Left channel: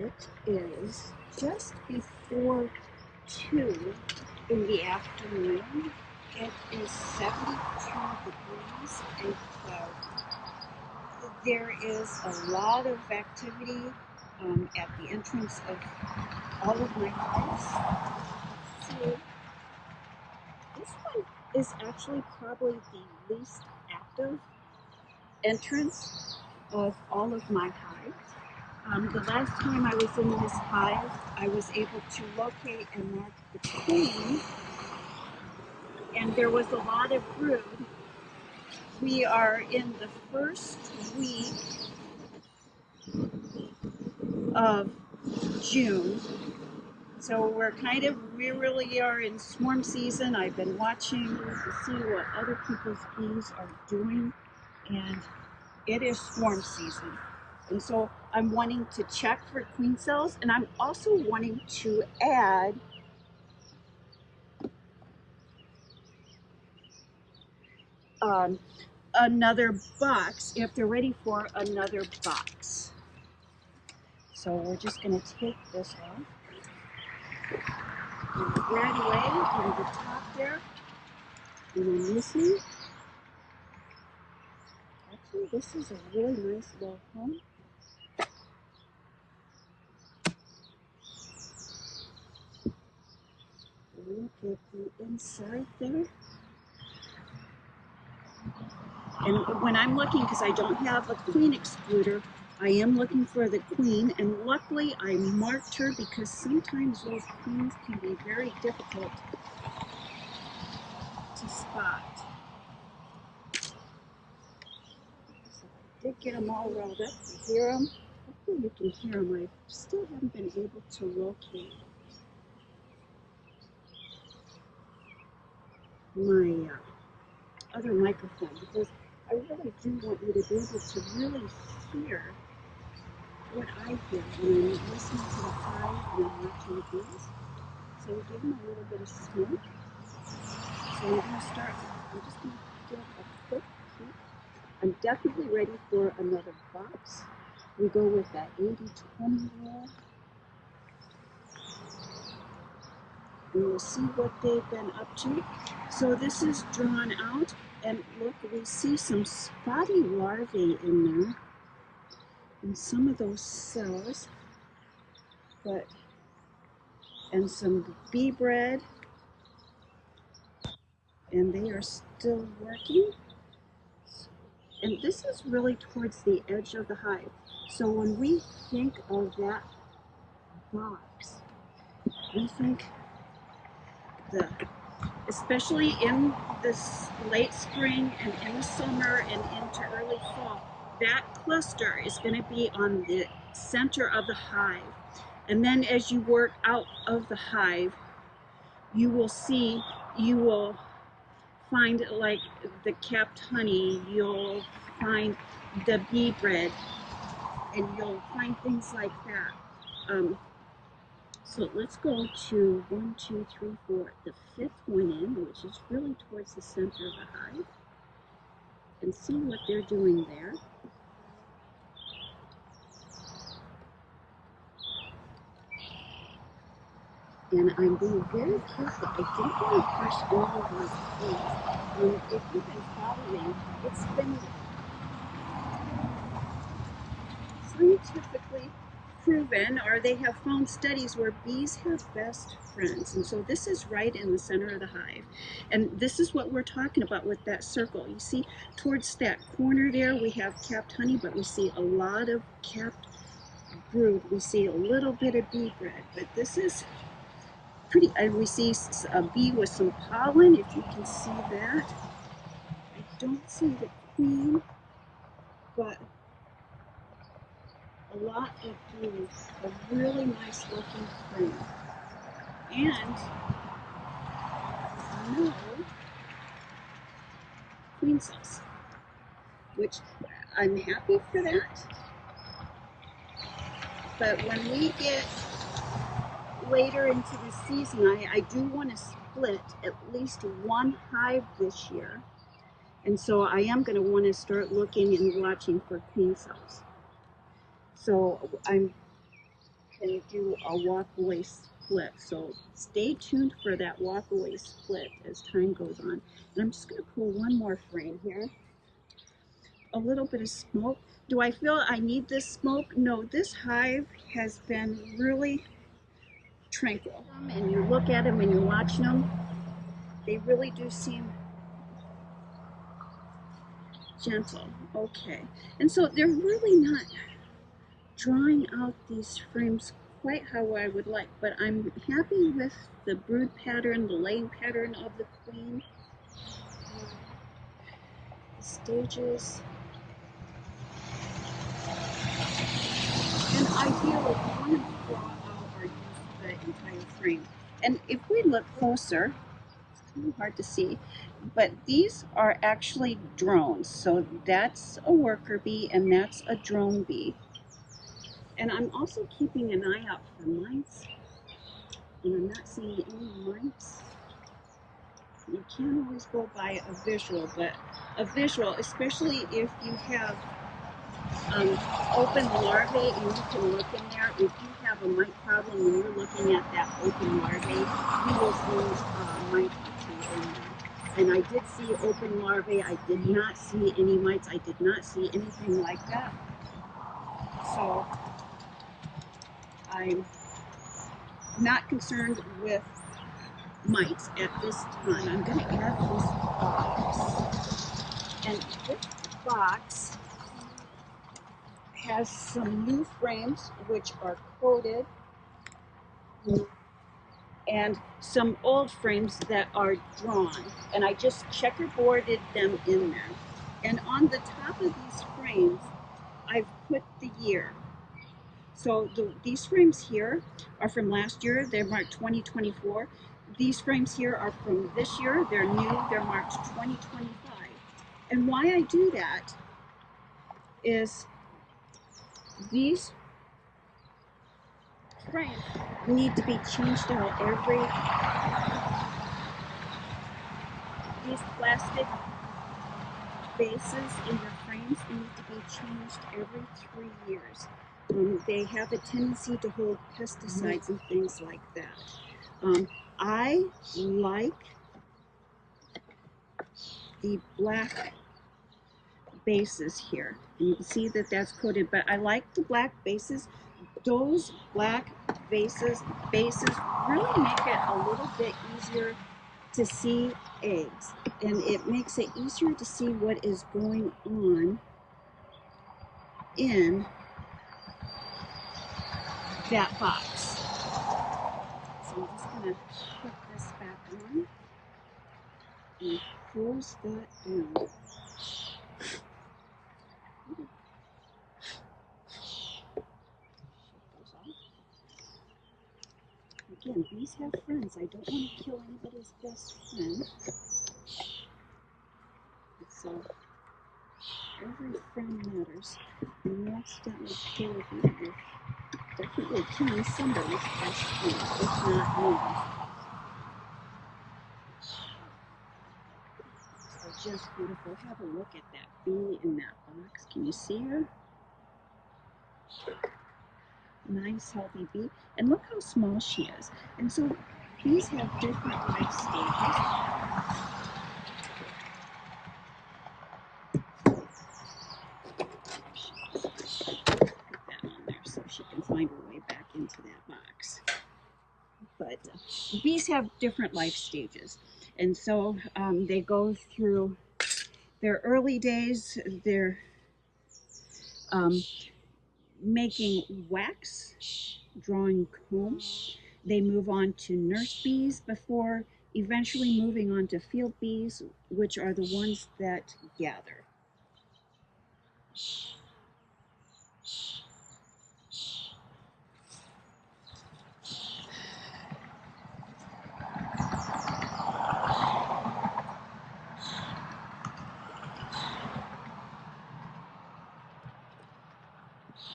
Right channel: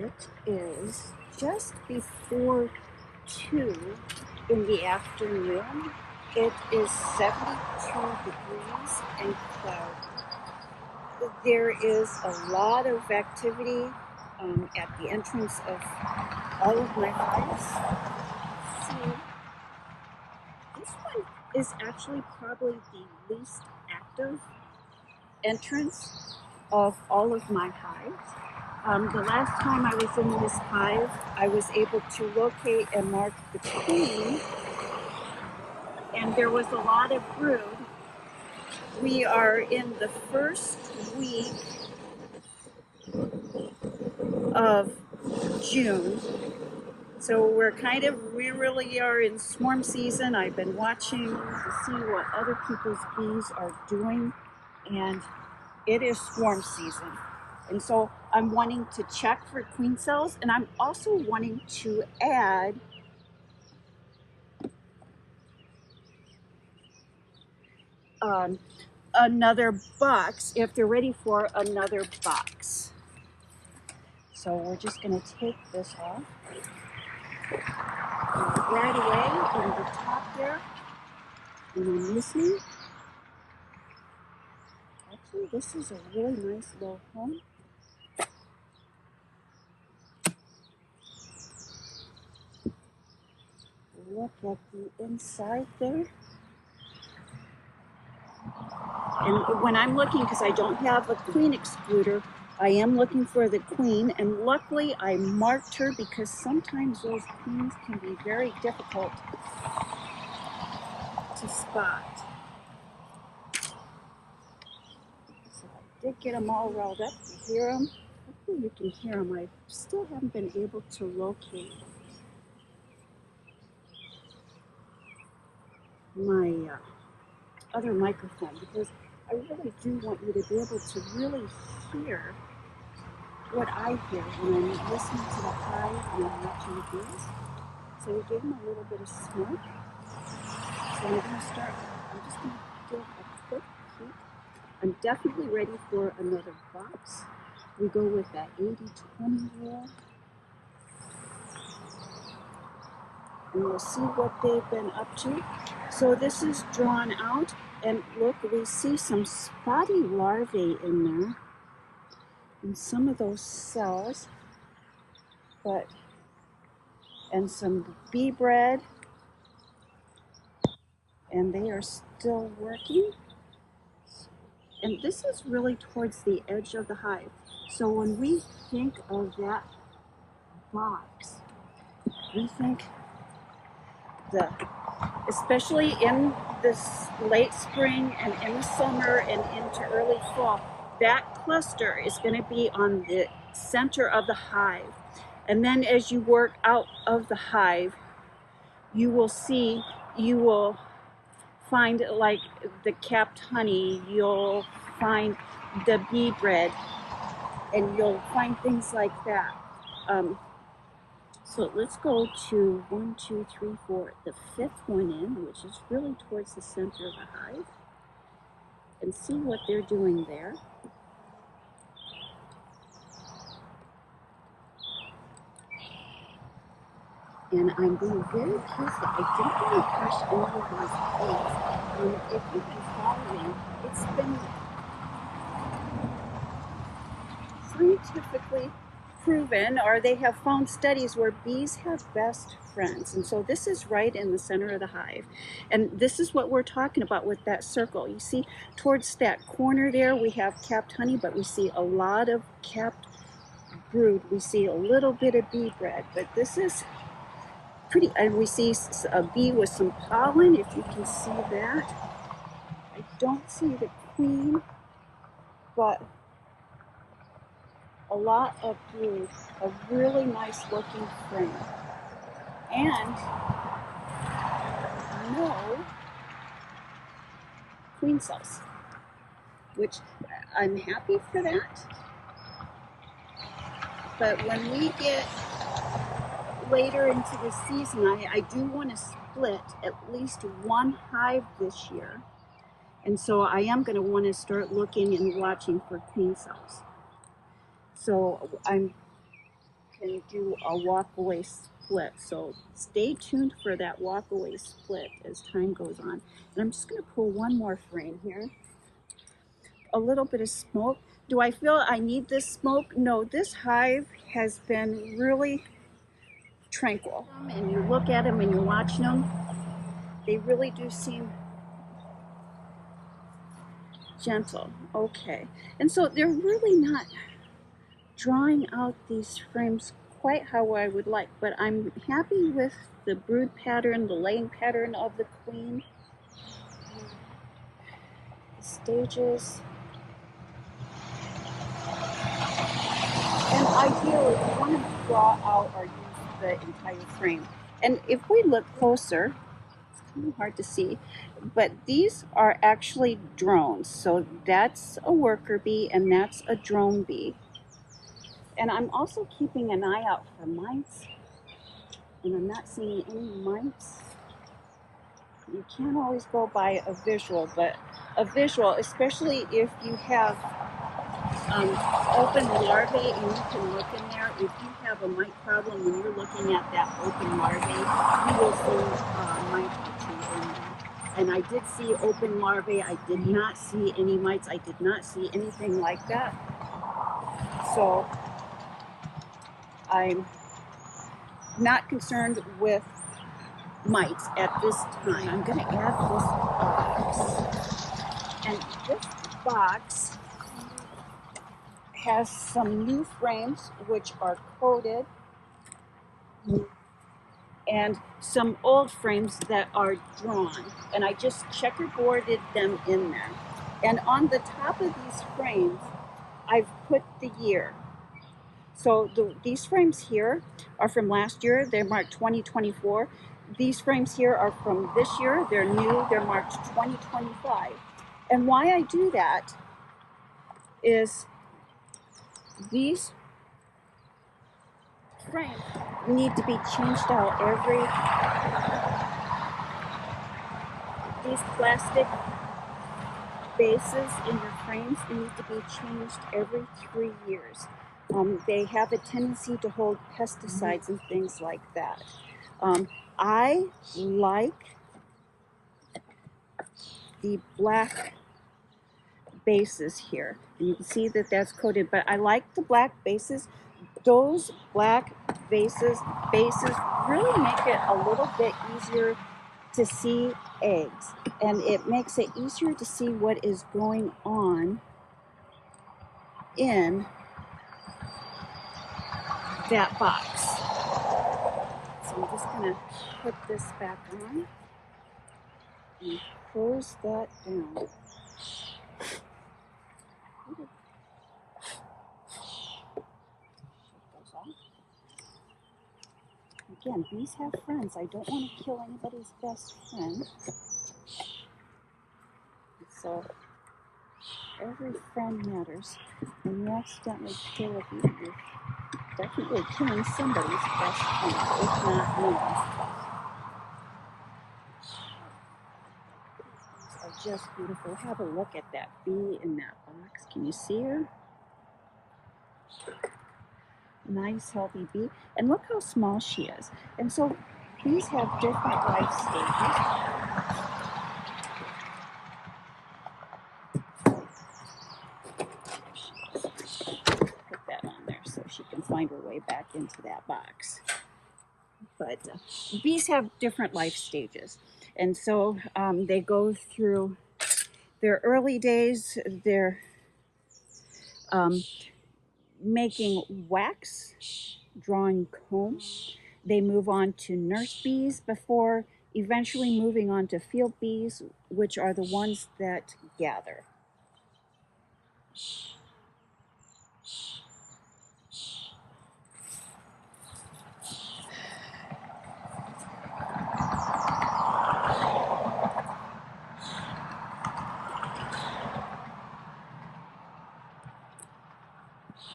It is just before 2 in the afternoon. It is 72 degrees and cloudy. There is a lot of activity at the entrance of all of my hives. So this one is actually probably the least active entrance of all of my hives. The last time I was in this hive, I was able to locate and mark the queen, and there was a lot of brood. We are in the first week of June, so we really are in swarm season. I've been watching to see what other people's bees are doing, and it is swarm season. And so I'm wanting to check for queen cells, and I'm also wanting to add another box if they're ready for another box. So we're just going to take this off. Right away in the top there, and then listening. Actually, this is a really nice little home. Look at the inside there. And when I'm looking, because I don't have a queen excluder, I am looking for the queen, and luckily I marked her because sometimes those queens can be very difficult to spot. So I did get them all riled up. You hear them? Hopefully you can hear them. I still haven't been able to locate my other microphone because I really do want you to be able to really hear what I hear when I'm listening to the hive and I'm watching the bees. So we give them a little bit of smoke. So I'm just going to give a quick peek. I'm definitely ready for another box. We go with that 80-20 rule. And we'll see what they've been up to. So this is drawn out, and look, we see some spotty larvae in there, in some of those cells, and some bee bread, and they are still working. And this is really towards the edge of the hive. So when we think of that box, we think especially in this late spring and in the summer and into early fall, that cluster is going to be on the center of the hive. And then as you work out of the hive, you will find like the capped honey, you'll find the bee bread, and you'll find things like that. So let's go to 1, 2, 3, 4, the 5th one in, which is really towards the center of the hive, and see what they're doing there. And I'm being very careful. I don't want to crush any of these bees. If you've been following, it's been scientifically proven, or they have found studies where bees have best friends. And so this is right in the center of the hive. And this is what we're talking about with that circle. You see, towards that corner there, we have capped honey, but we see a lot of capped brood. We see a little bit of bee bread, but this is pretty, and we see a bee with some pollen, if you can see that. I don't see the queen, but a lot of brood, a really nice looking frame, and no queen cells, which I'm happy for that. But when we get later into the season, I do want to split at least one hive this year, and so I am going to want to start looking and watching for queen cells. So I'm can do a walk-away split. So stay tuned for that walk-away split as time goes on. And I'm just going to pull one more frame here. A little bit of smoke. Do I feel I need this smoke? No, this hive has been really tranquil. And you look at them and you're watching them, they really do seem gentle. Okay. And so they're really not drawing out these frames quite how I would like, but I'm happy with the brood pattern, the laying pattern of the queen, the stages. And ideally, you want to draw out or use the entire frame. And if we look closer, it's kind of hard to see, but these are actually drones. So that's a worker bee and that's a drone bee. And I'm also keeping an eye out for mites. And I'm not seeing any mites. You can't always go by a visual, but a visual, especially if you have open larvae and you can look in there. If you have a mite problem and you're looking at that open larvae, you will see mite or two in there. And I did see open larvae. I did not see any mites. I did not see anything like that. So I'm not concerned with mites at this time. I'm going to add this box. And this box has some new frames which are coated and some old frames that are drawn. And I just checkerboarded them in there. And on the top of these frames, I've put the year. So these frames here are from last year. They're marked 2024. These frames here are from this year. They're new. They're marked 2025. And why I do that is these frames need to be changed out these plastic bases in your frames need to be changed every 3 years. They have a tendency to hold pesticides and things like that. I like the black bases here. You can see that that's coated, but I like the black bases. Those black bases really make it a little bit easier to see eggs, and it makes it easier to see what is going on in that box. So I'm just going to put this back on and close that down. Again, bees have friends. I don't want to kill anybody's best friend. So every friend matters. When you accidentally kill a bee, you're definitely killing somebody's best friend, if not mine. Are just beautiful. Have a look at that bee in that box. Can you see her? Nice healthy bee, and look how small she is. And so bees have different life stages. Put that on there so she can find her way back into that box. But bees have different life stages, and so they go through their early days. They're making wax, drawing comb. They move on to nurse bees before eventually moving on to field bees, which are the ones that gather.